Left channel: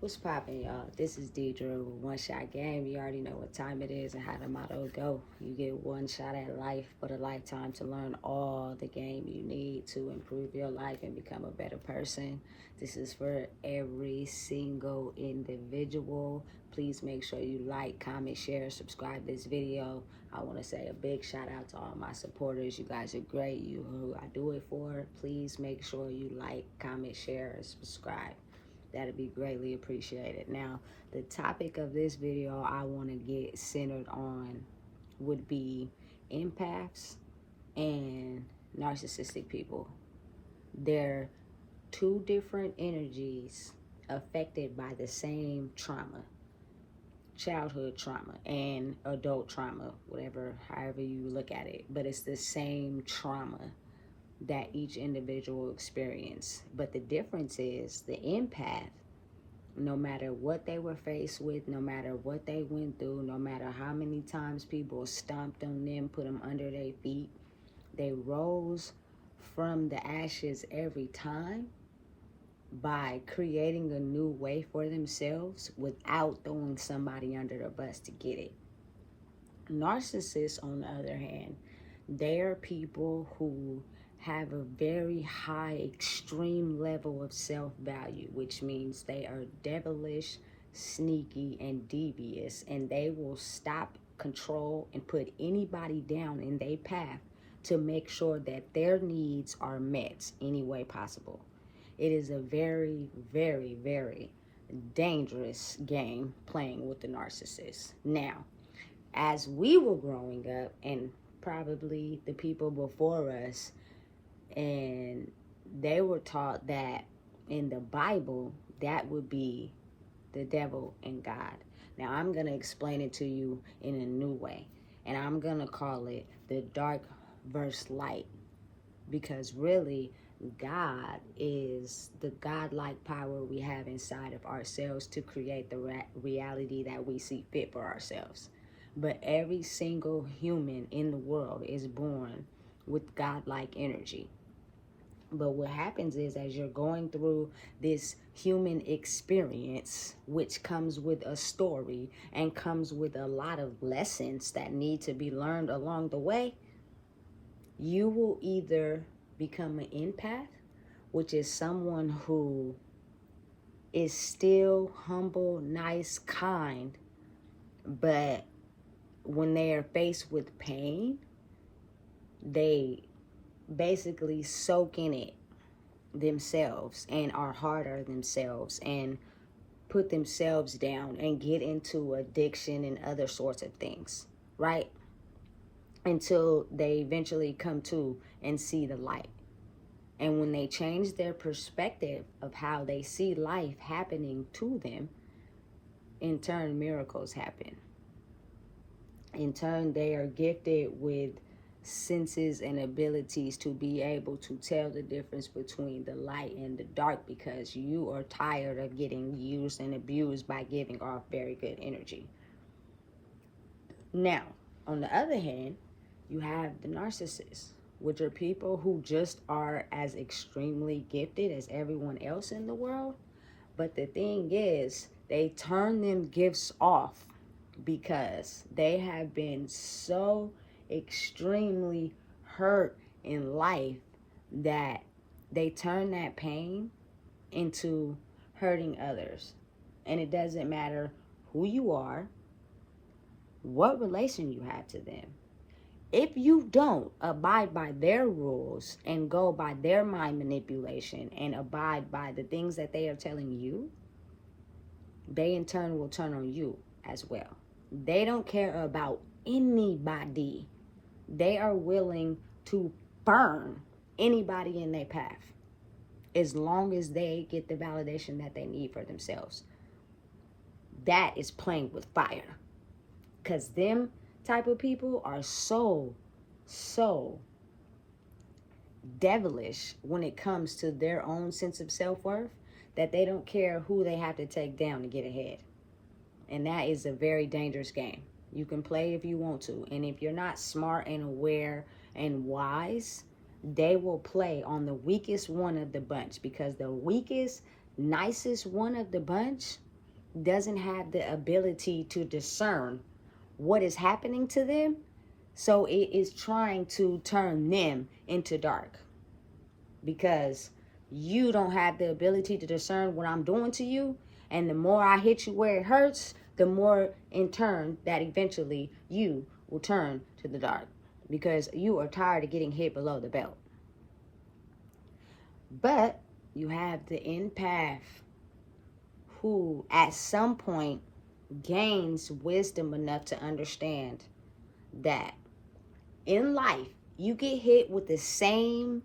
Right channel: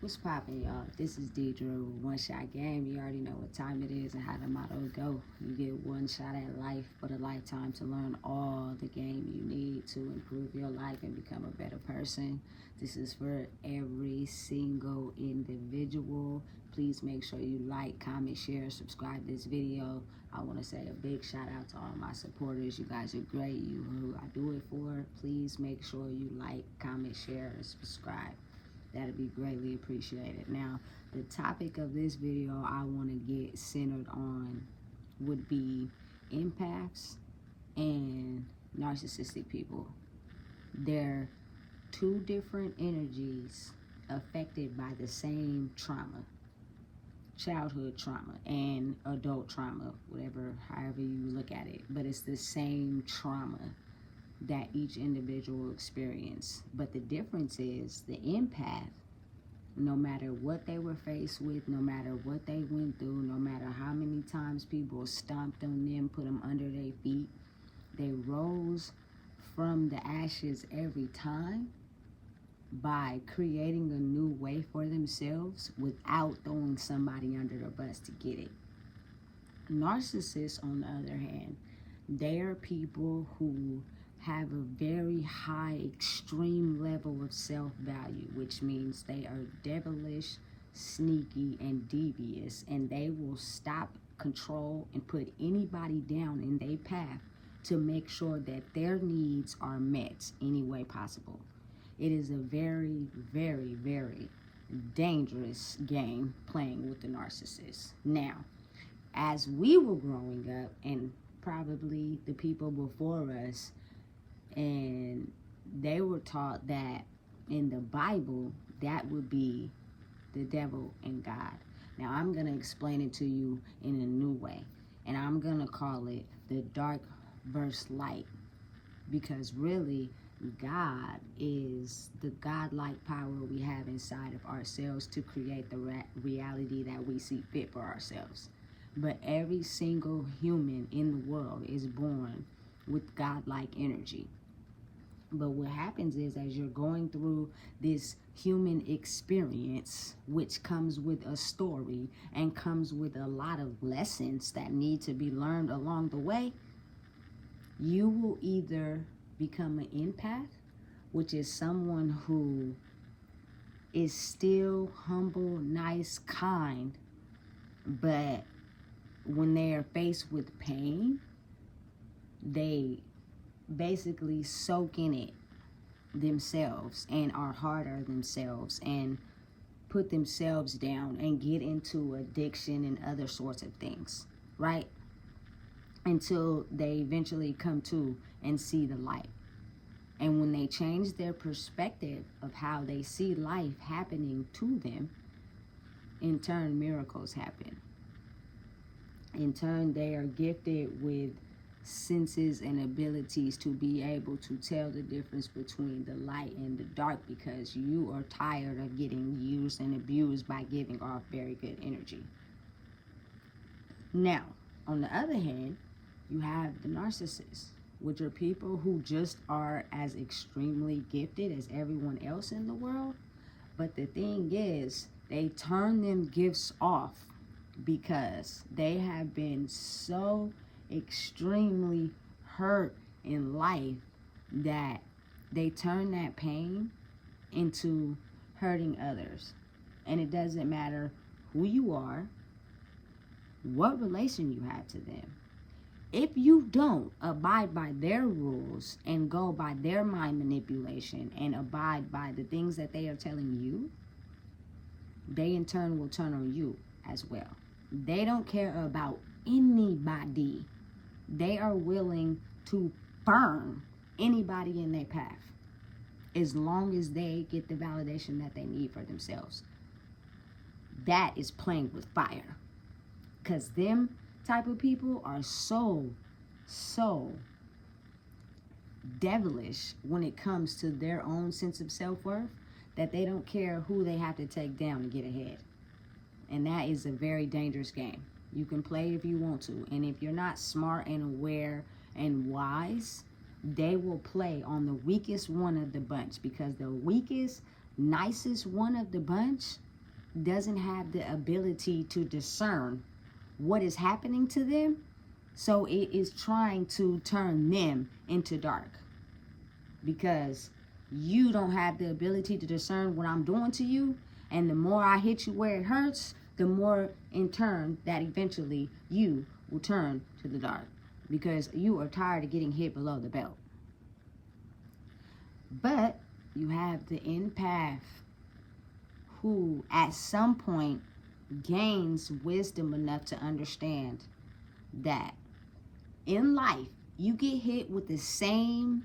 What's poppin', y'all? This is Deidre with One Shot Game. You already know what time it is and how the motto go. You get one shot at life, but a lifetime to learn all the game you need to improve your life and become a better person. This is for every single individual. Please make sure you like, comment, share, subscribe this video. I want to say a big shout out to all my supporters. You guys are great. You who I do it for. Please make sure you like, comment, share, and subscribe. That'd be greatly appreciated. Now, the topic of this video I want to get centered on would be empaths and narcissistic people. They're two different energies affected by the same trauma, childhood trauma and adult trauma, however you look at it, but it's the same trauma that each individual experience. But the difference is the empath, no matter what they were faced with, no matter what they went through, no matter how many times people stomped on them, put them under their feet, they rose from the ashes every time by creating a new way for themselves without throwing somebody under the bus to get it. Narcissists, on the other hand, they are people who have a very high, extreme level of self-value, which means they are devilish, sneaky, and devious, and they will stop, control, and put anybody down in their path to make sure that their needs are met any way possible. It is a very, very, very dangerous game playing with the narcissist. Now, as we were growing up, and probably the people before us, and they were taught that in the Bible, that would be the devil and God. Now, I'm going to explain it to you in a new way, and I'm going to call it the dark versus light, because really, God is the godlike power we have inside of ourselves to create the reality that we see fit for ourselves. But every single human in the world is born with godlike energy. But what happens is, as you're going through this human experience, which comes with a story and comes with a lot of lessons that need to be learned along the way, you will either become an empath, which is someone who is still humble, nice, kind, but when they are faced with pain, they basically soak in it themselves and are harder themselves and put themselves down and get into addiction and other sorts of things, right? Until they eventually come to and see the light. And when they change their perspective of how they see life happening to them, in turn, miracles happen. In turn, they are gifted with senses and abilities to be able to tell the difference between the light and the dark, because you are tired of getting used and abused by giving off very good energy. Now, on the other hand, you have the narcissists, which are people who just are as extremely gifted as everyone else in the world. But the thing is, they turn them gifts off because they have been so extremely hurt in life that they turn that pain into hurting others. And it doesn't matter who you are, what relation you have to them. If you don't abide by their rules and go by their mind manipulation and abide by the things that they are telling you, they in turn will turn on you as well. They don't care about anybody. They are willing to burn anybody in their path as long as they get the validation that they need for themselves. That is playing with fire, because them type of people are so devilish when it comes to their own sense of self-worth that they don't care who they have to take down to get ahead. And that is a very dangerous game. You can play if you want to, and if you're not smart and aware and wise, they will play on the weakest one of the bunch, because the weakest, nicest one of the bunch doesn't have the ability to discern what is happening to them, so it is trying to turn them into dark, because you don't have the ability to discern what I'm doing to you. And the more I hit you where it hurts, the more in turn that eventually you will turn to the dark, because you are tired of getting hit below the belt. But you have the empath who at some point gains wisdom enough to understand that in life you get hit with the same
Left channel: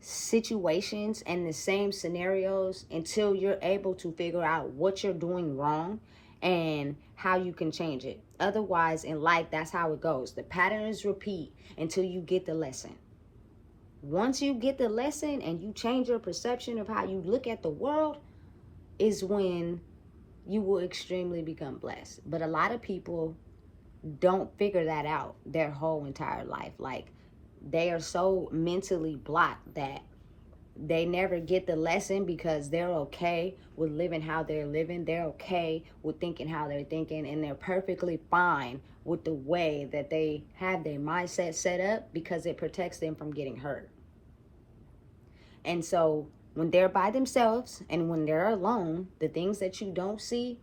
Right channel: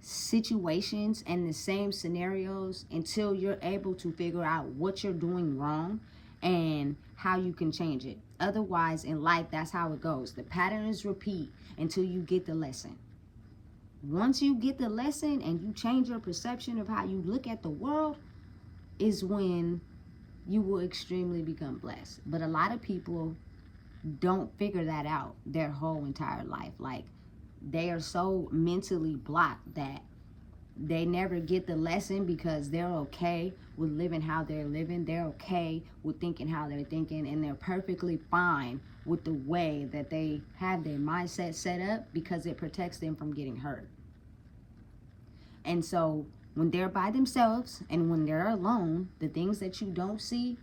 situations and the same scenarios until you're able to figure out what you're doing wrong and how you can change it. Otherwise, in life, that's how it goes. The patterns repeat until you get the lesson. Once you get the lesson and you change your perception of how you look at the world, is when you will extremely become blessed. But a lot of people don't figure that out their whole entire life. Like, they are so mentally blocked that they never get the lesson, because they're okay with living how they're living. They're okay with thinking how they're thinking, and they're perfectly fine with the way that they have their mindset set up, because it protects them from getting hurt. And so when they're by themselves and when they're alone, the things that you don't see,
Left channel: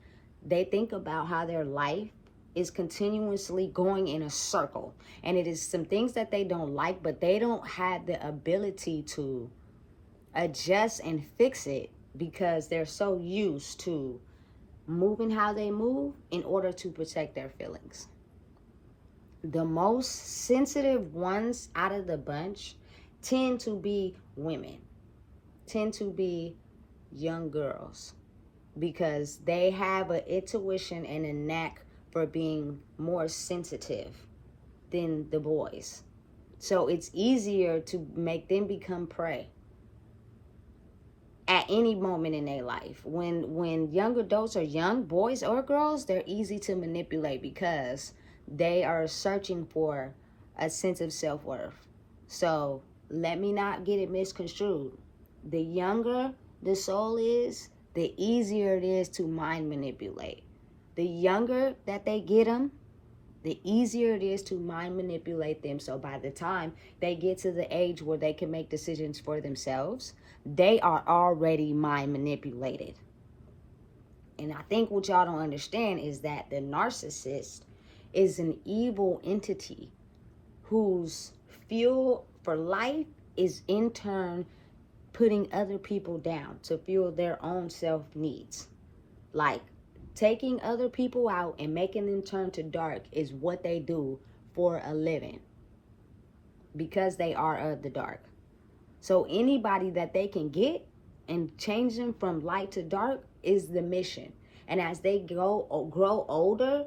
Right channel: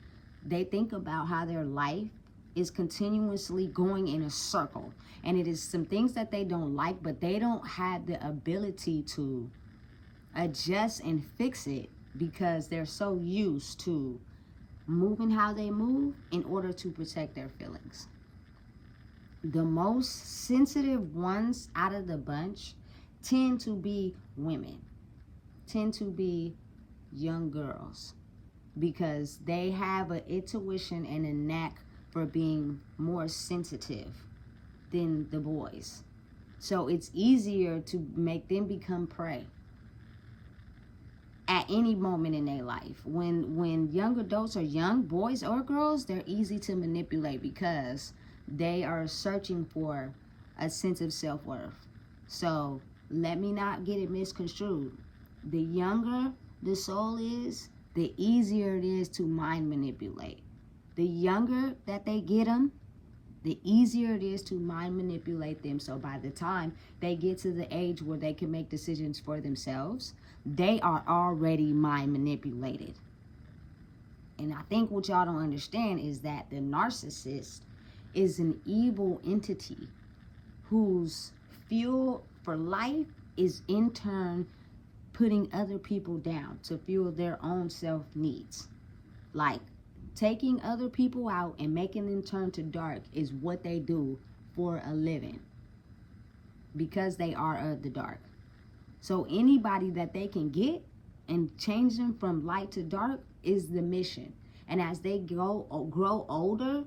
they think about how their life is continuously going in a circle. And it is some things that they don't like, but they don't have the ability to adjust and fix it, because they're so used to moving how they move in order to protect their feelings. The most sensitive ones out of the bunch tend to be women, tend to be young girls, because they have an intuition and a knack for being more sensitive than the boys. So it's easier to make them become prey at any moment in their life. When young adults are young, boys or girls, they're easy to manipulate because they are searching for a sense of self-worth. So let me not get it misconstrued. The younger the soul is, the easier it is to mind manipulate. The younger that they get them, the easier it is to mind manipulate them. So by the time they get to the age where they can make decisions for themselves, they are already mind manipulated. And I think what y'all don't understand is that the narcissist is an evil entity whose fuel for life is in turn putting other people down to fuel their own self needs. Like, taking other people out and making them turn to dark is what they do for a living, because they are of the dark. So anybody that they can get and change them from light to dark is the mission. And as they grow older,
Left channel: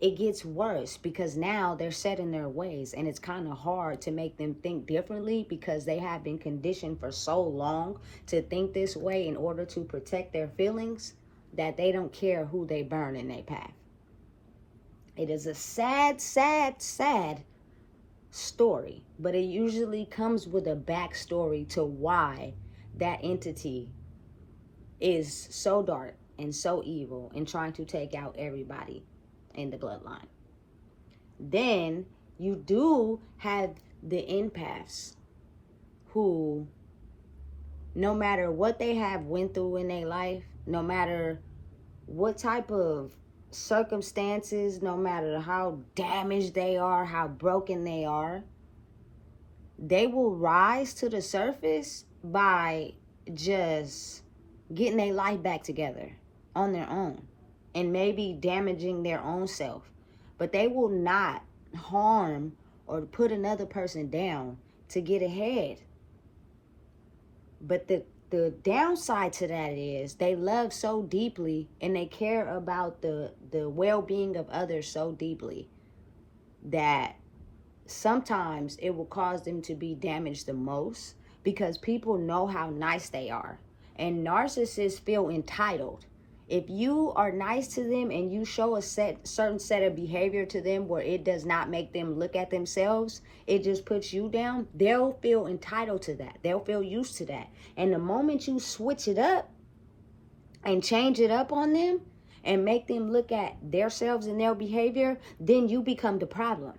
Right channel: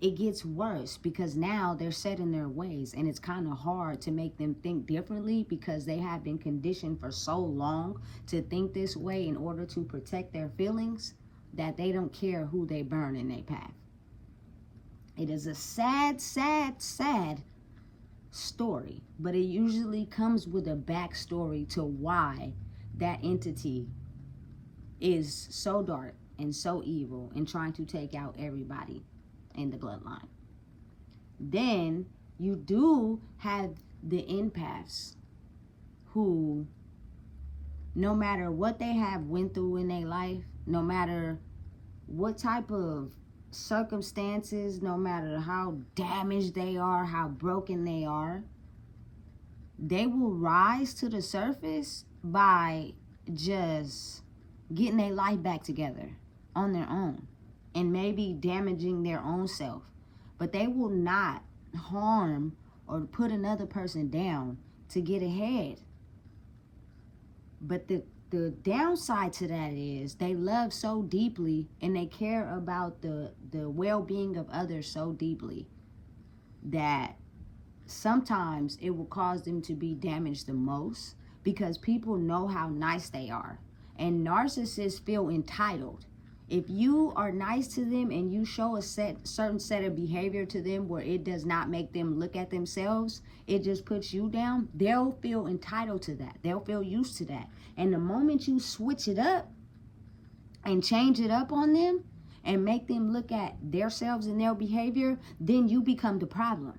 it gets worse, because now they're set in their ways, and it's kind of hard to make them think differently, because they have been conditioned for so long to think this way in order to protect their feelings, that they don't care who they burn in their path. It is a sad, sad, sad story, but it usually comes with a backstory to why that entity is so dark and so evil and trying to take out everybody in the bloodline. Then you do have the empaths who, no matter what they have went through in their life, no matter what type of circumstances, no matter how damaged they are, how broken they are, they will rise to the surface by just getting their life back together on their own, and maybe damaging their own self. But they will not harm or put another person down to get ahead. But the downside to that is they love so deeply, and they care about the well-being of others so deeply, that sometimes it will cause them to be damaged the most, because people know how nice they are. And narcissists feel entitled. If you are nice to them and you show a certain set of behavior to them where it does not make them look at themselves, it just puts you down, they'll feel entitled to that. They'll feel used to that. And the moment you switch it up and change it up on them and make them look at themselves and their behavior, then you become the problem.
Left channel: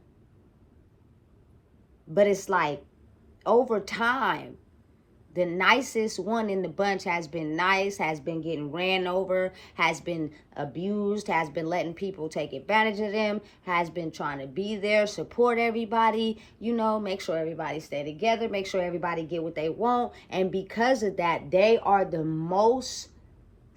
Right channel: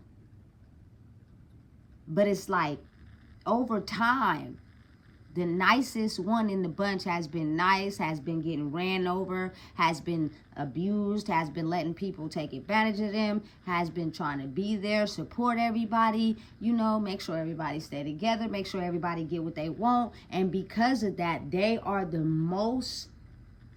But it's like, over time, the nicest one in the bunch has been nice, has been getting ran over, has been abused, has been letting people take advantage of them, has been trying to be there, support everybody, make sure everybody stay together, make sure everybody get what they want. And because of that, they are the most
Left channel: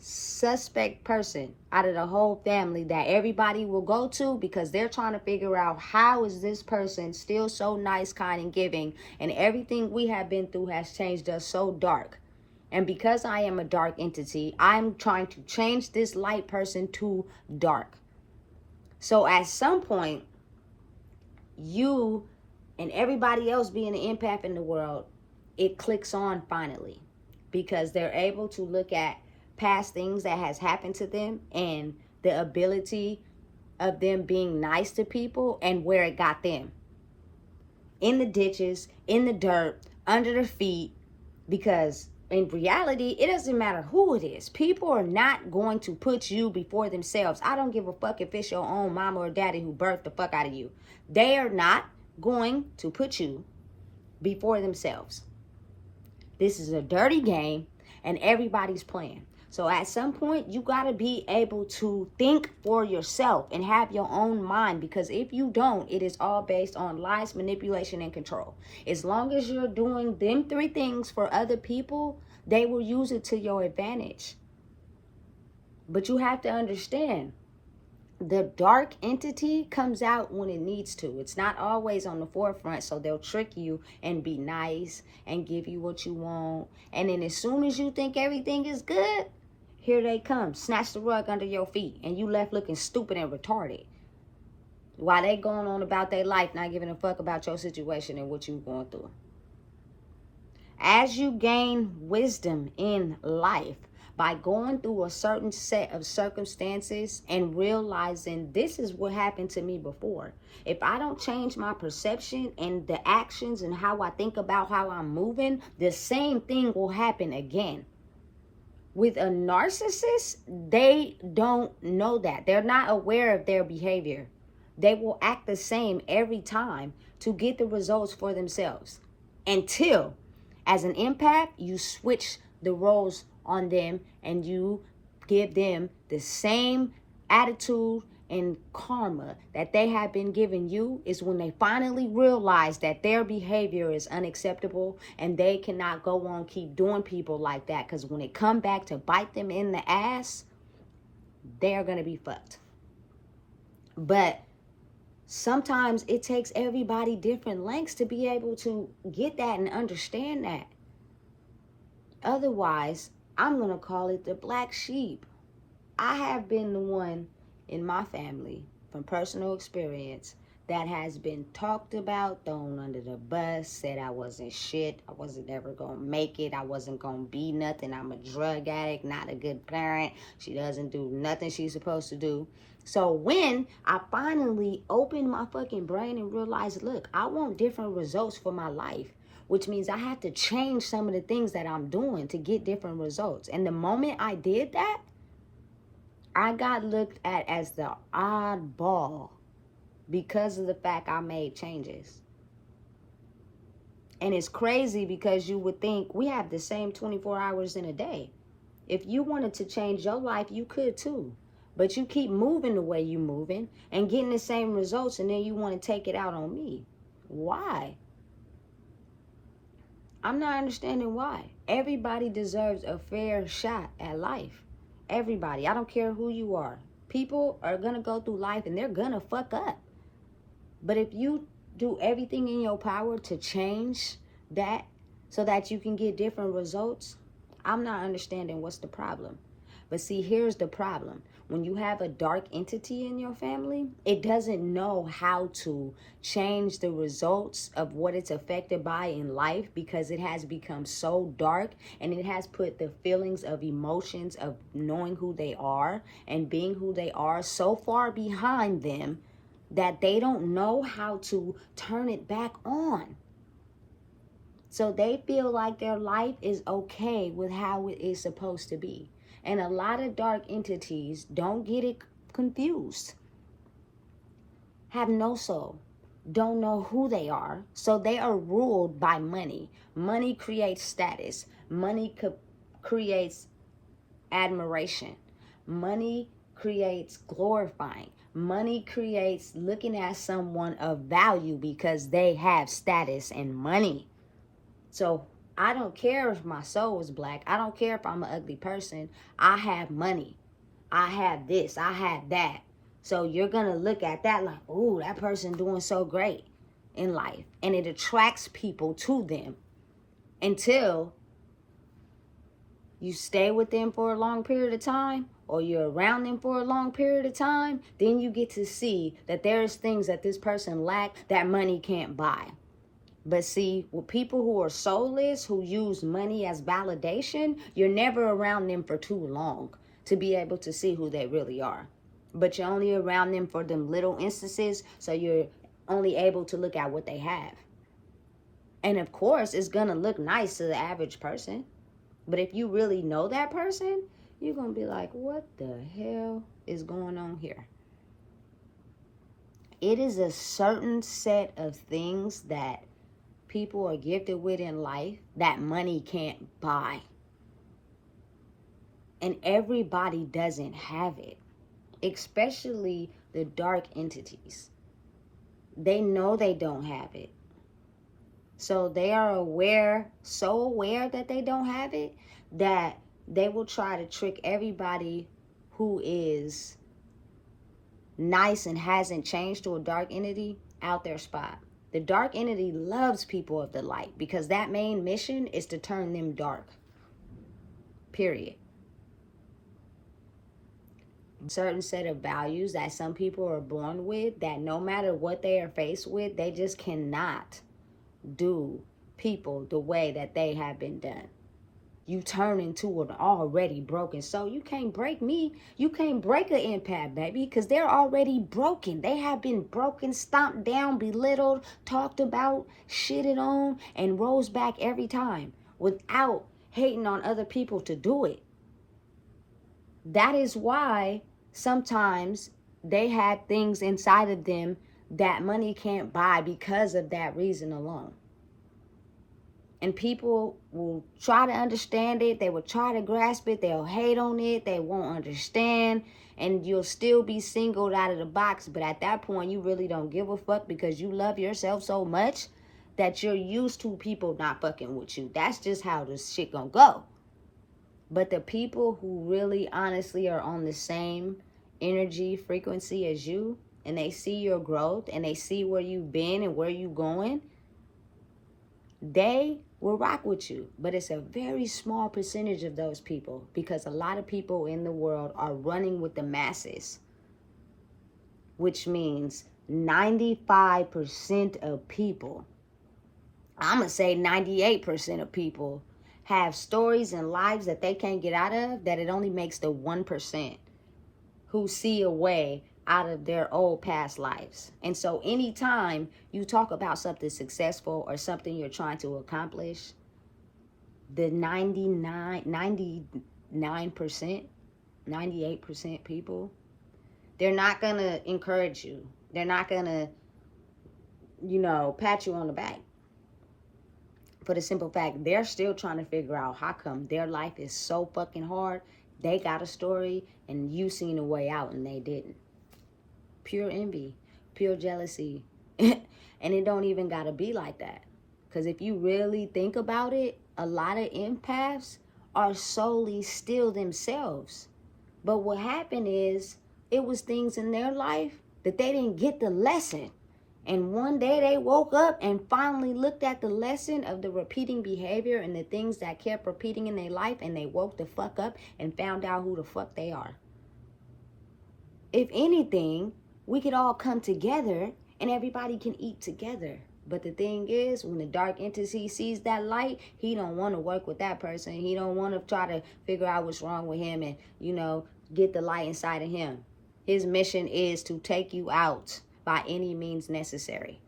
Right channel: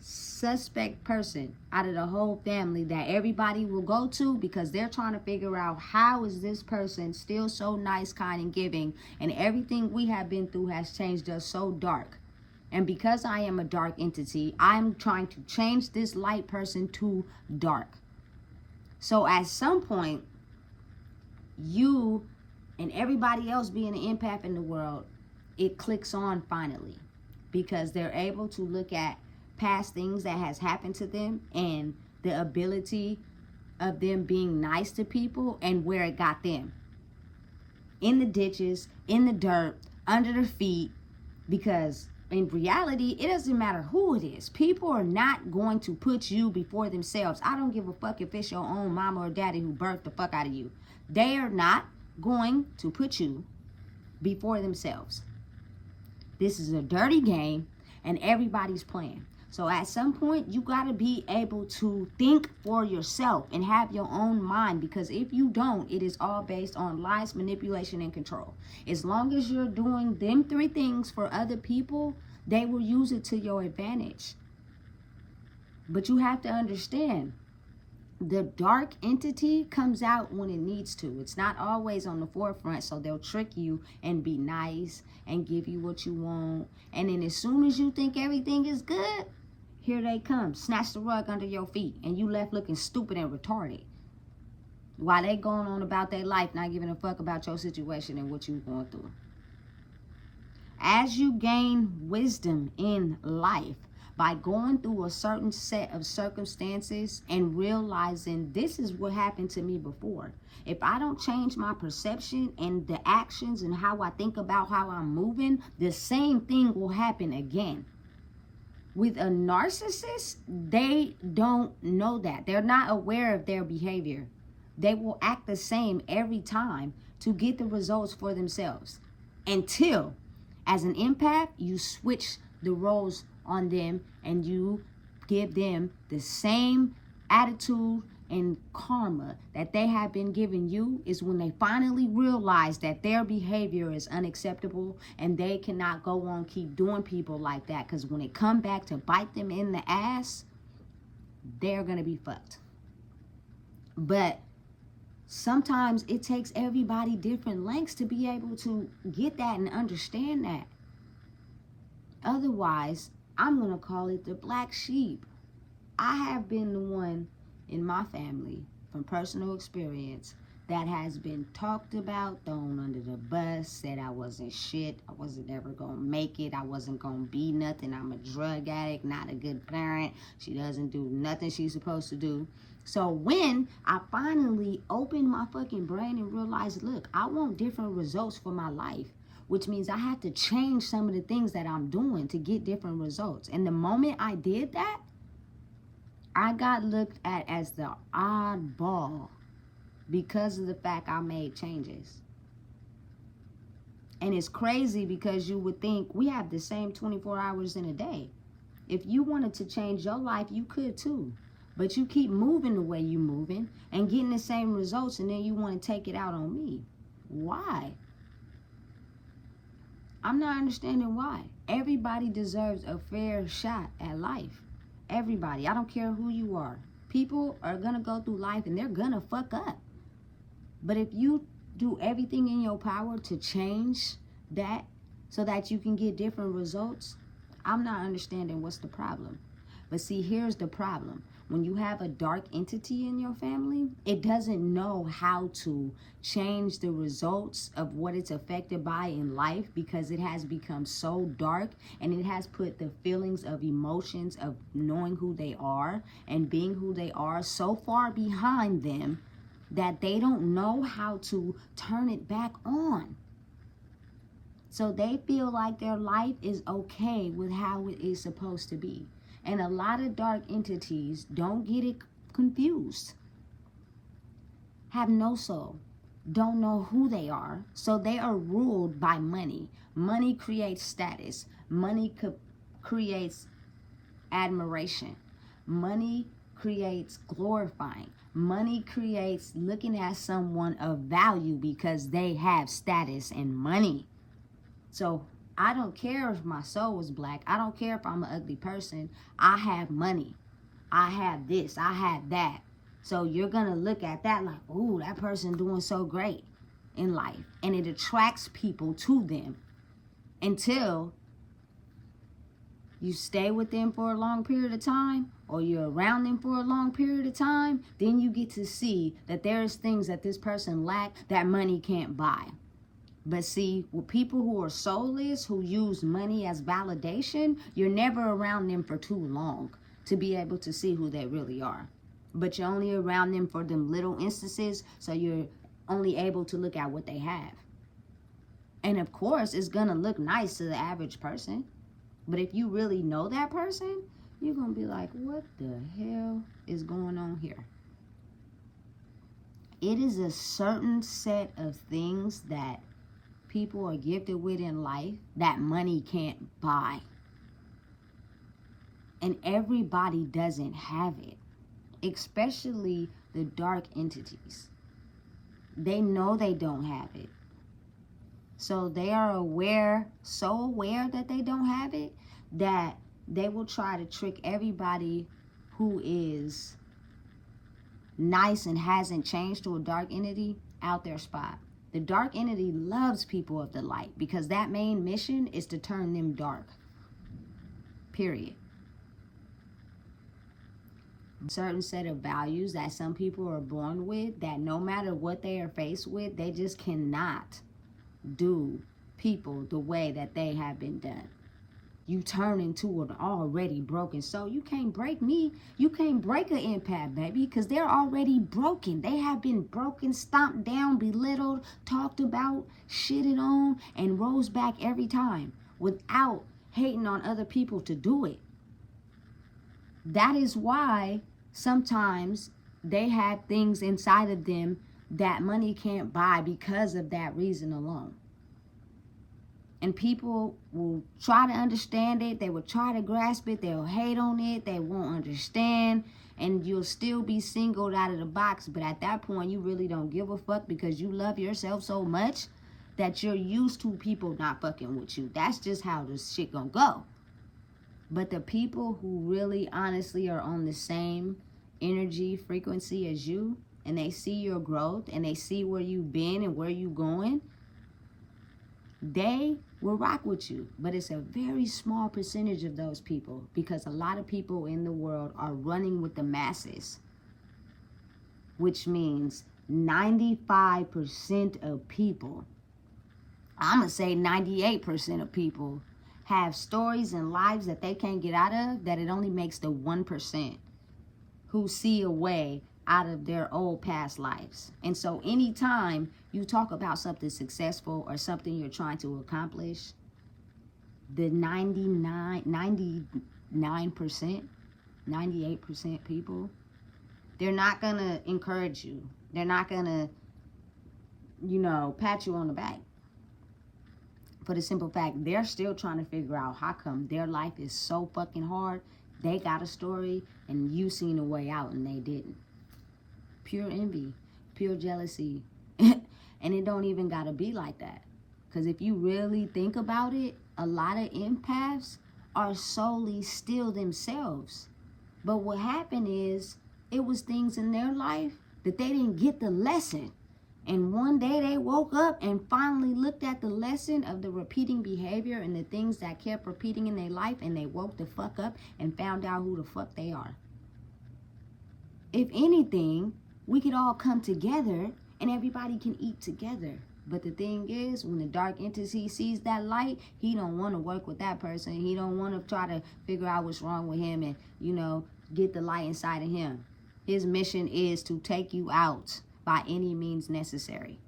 suspect person out of the whole family that everybody will go to, because they're trying to figure out, how is this person still so nice, kind, and giving, and everything we have been through has changed us so dark. And because I am a dark entity, I'm trying to change this light person to dark. So at some point, you and everybody else being an empath in the world, it clicks on finally, because they're able to look at past things that has happened to them and the ability of them being nice to people and where it got them. In the ditches, in the dirt, under their feet. Because in reality, it doesn't matter who it is. People are not going to put you before themselves. I don't give a fuck if it's your own mama or daddy who birthed the fuck out of you. They are not going to put you before themselves. This is a dirty game, and everybody's playing. So at some point, you got to be able to think for yourself and have your own mind, because if you don't, it is all based on lies, manipulation, and control. As long as you're doing them 3 things for other people, they will use it to your advantage. But you have to understand, the dark entity comes out when it needs to. It's not always on the forefront, so they'll trick you and be nice and give you what you want. And then as soon as you think everything is good, here they come, snatch the rug under your feet, and you left looking stupid and retarded, while they going on about their life, not giving a fuck about your situation and what you're going through. As you gain wisdom in life, by going through a certain set of circumstances and realizing, this is what happened to me before. If I don't change my perception and the actions and how I think about how I'm moving, the same thing will happen again. With a narcissist, they don't know that. They're not aware of their behavior. They will act the same every time to get the results for themselves. Until, as an empath, you switch the roles on them and you give them the same attitude and karma that they have been giving you, is when they finally realize that their behavior is unacceptable and they cannot go on keep doing people like that, because when it come back to bite them in the ass, they're gonna be fucked. But sometimes it takes everybody different lengths to be able to get that and understand that. Otherwise, I'm gonna call it the black sheep. I have been the one in my family, from personal experience, that has been talked about, thrown under the bus, said I wasn't shit, I wasn't ever gonna make it, I wasn't gonna be nothing, I'm a drug addict, not a good parent, she doesn't do nothing she's supposed to do. So when I finally opened my fucking brain and realized, look, I want different results for my life, which means I have to change some of the things that I'm doing to get different results. And the moment I did that, I got looked at as the oddball because of the fact I made changes. And it's crazy, because you would think we have the same 24 hours in a day. If you wanted to change your life, you could too. But you keep moving the way you're moving and getting the same results, and then you want to take it out on me. Why? I'm not understanding why. Everybody deserves a fair shot at life. Everybody. I don't care who you are. People are going to go through life and they're going to fuck up. But if you do everything in your power to change that so that you can get different results, I'm not understanding what's the problem. But see, here's the problem. When you have a dark entity in your family, it doesn't know how to change the results of what it's affected by in life, because it has become so dark, and it has put the feelings of emotions of knowing who they are and being who they are so far behind them that they don't know how to turn it back on. So they feel like their life is okay with how it is supposed to be. And a lot of dark entities, don't get it confused, have no soul, don't know who they are. So they are ruled by money. Money creates status. Money creates admiration. Money creates glorifying. Money creates looking at someone of value because they have status and money. So I don't care if my soul is black. I don't care if I'm an ugly person. I have money. I have this. I have that. So you're going to look at that like, oh, that person doing so great in life. And it attracts people to them until you stay with them for a long period of time, or you're around them for a long period of time. Then you get to see that there's things that this person lacks that money can't buy. But see, with people who are soulless, who use money as validation, you're never around them for too long to be able to see who they really are. But you're only around them for them little instances, so you're only able to look at what they have. And of course, it's going to look nice to the average person. But if you really know that person, you're going to be like, what the hell is going on here? It is a certain set of things that people are gifted with in life that money can't buy. And everybody doesn't have it, especially the dark entities. They know they don't have it. So they are so aware that they don't have it, that they will try to trick everybody who is nice and hasn't changed to a dark entity out their spot. The dark entity loves people of the light because that main mission is to turn them dark. Period. Certain set of values that some people are born with, that no matter what they are faced with, they just cannot do people the way that they have been done. You turn into an already broken soul. You can't break me. You can't break an empath, baby, because they're already broken. They have been broken, stomped down, belittled, talked about, shitted on, and rose back every time without hating on other people to do it. That is why sometimes they had things inside of them that money can't buy because of that reason alone. And people will try to understand it. They will try to grasp it. They'll hate on it. They won't understand. And you'll still be singled out of the box. But at that point, you really don't give a fuck because you love yourself so much that you're used to people not fucking with you. That's just how this shit gonna go. But the people who really honestly are on the same energy frequency as you, and they see your growth and they see where you've been and where you're going, they will rock with you. But it's a very small percentage of those people, because a lot of people in the world are running with the masses, which means 95% of people, I'm going to say 98% of people, have stories and lives that they can't get out of, that it only makes the 1% who see a way out of their old past lives. And so anytime you talk about something successful or something you're trying to accomplish, the 99%, 98% people, they're not going to encourage you. They're not going to, pat you on the back. For the simple fact, they're still trying to figure out how come their life is so fucking hard. They got a story and you seen a way out and they didn't. Pure envy, pure jealousy. And it don't even gotta be like that. Because if you really think about it, a lot of empaths are solely still themselves. But what happened is, it was things in their life that they didn't get the lesson. And one day they woke up and finally looked at the lesson of the repeating behavior and the things that kept repeating in their life, and they woke the fuck up and found out who the fuck they are. If anything, we could all come together and everybody can eat together. But the thing is, when the dark entity sees that light, he don't want to work with that person. He don't want to try to figure out what's wrong with him and, get the light inside of him. His mission is to take you out by any means necessary.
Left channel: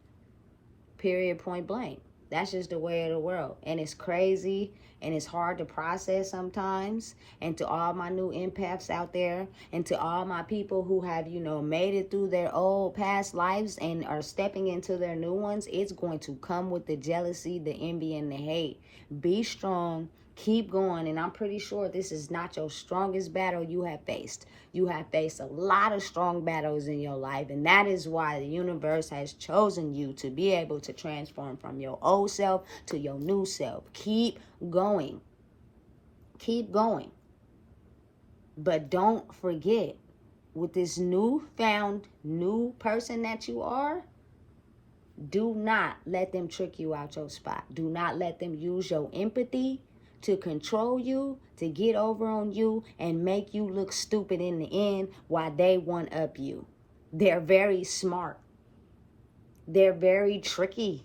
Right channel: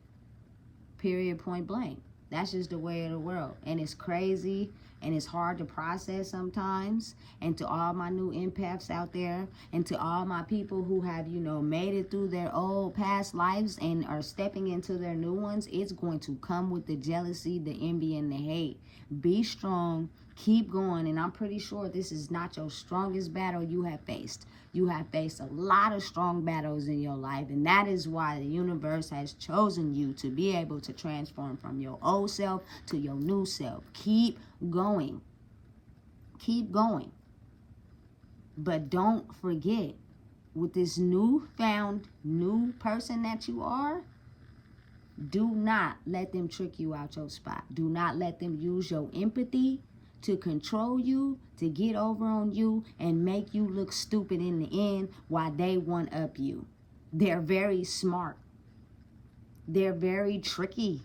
Period, point blank. That's just the way of the world. And it's crazy and it's hard to process sometimes. And to all my new empaths out there, and to all my people who have, made it through their old past lives and are stepping into their new ones, it's going to come with the jealousy, the envy, and the hate. Be strong. Keep going. And I'm pretty sure this is not your strongest battle you have faced. You have faced a lot of strong battles in your life, and that is why the universe has chosen you to be able to transform from your old self to your new self. Keep going. Keep going. But don't forget, with this new person that you are, do not let them trick you out your spot. Do not let them use your empathy to control you, to get over on you, and make you look stupid in the end while they one up you. They're very smart. They're very tricky.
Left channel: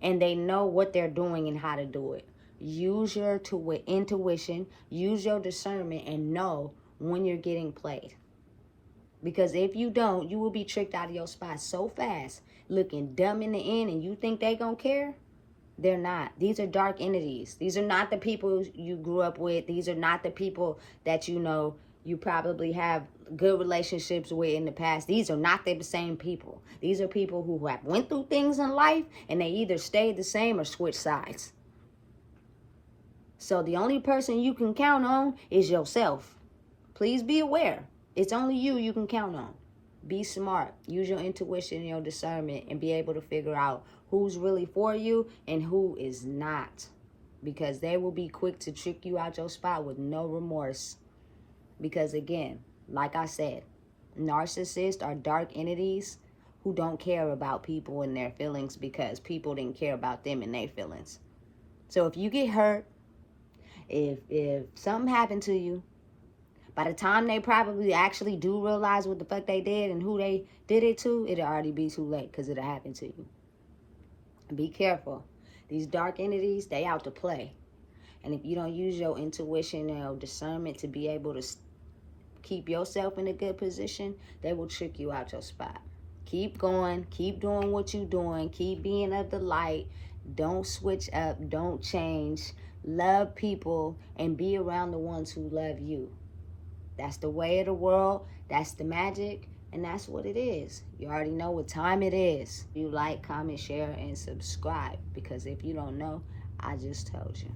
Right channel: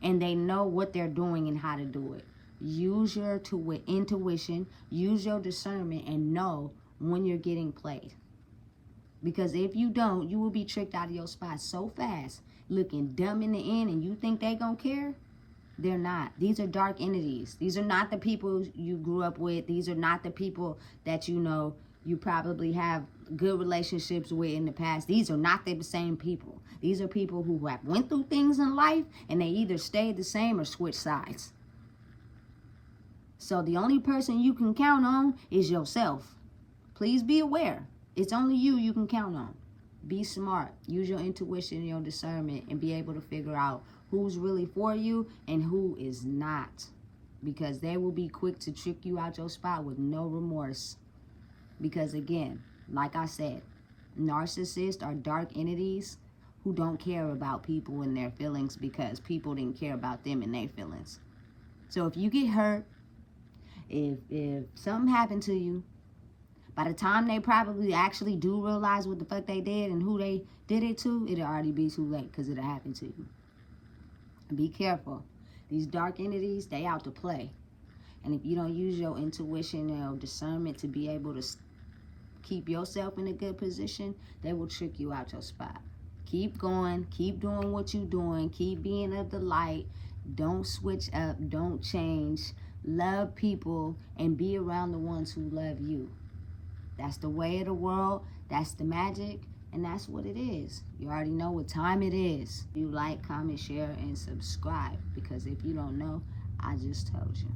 And they know what they're doing and how to do it. Use your intuition, use your discernment, and know when you're getting played. Because if you don't, you will be tricked out of your spot so fast, looking dumb in the end, and you think they gonna care? They're not. These are dark entities. These are not the people you grew up with. These are not the people that you probably have good relationships with in the past. These are not the same people. These are people who have went through things in life, and they either stayed the same or switched sides. So the only person you can count on is yourself. Please be aware. It's only you can count on. Be smart. Use your intuition and your discernment, and be able to figure out who's really for you and who is not. Because they will be quick to trick you out your spot with no remorse. Because again, like I said, narcissists are dark entities who don't care about people and their feelings because people didn't care about them and their feelings. So if you get hurt, if something happened to you, by the time they probably actually do realize what the fuck they did and who they did it to, it'll already be too late because it'll happen to you. Be careful. These dark entities, they out to play. And if you don't use your intuition and your discernment to be able to keep yourself in a good position, they will trick you out your spot. Keep going. Keep doing what you're doing. Keep being of the light. Don't switch up. Don't change. Love people and be around the ones who love you. That's the way of the world. That's the magic. And that's what it is. You already know what time it is. You like, comment, share, and subscribe. Because if you don't know, I just told you.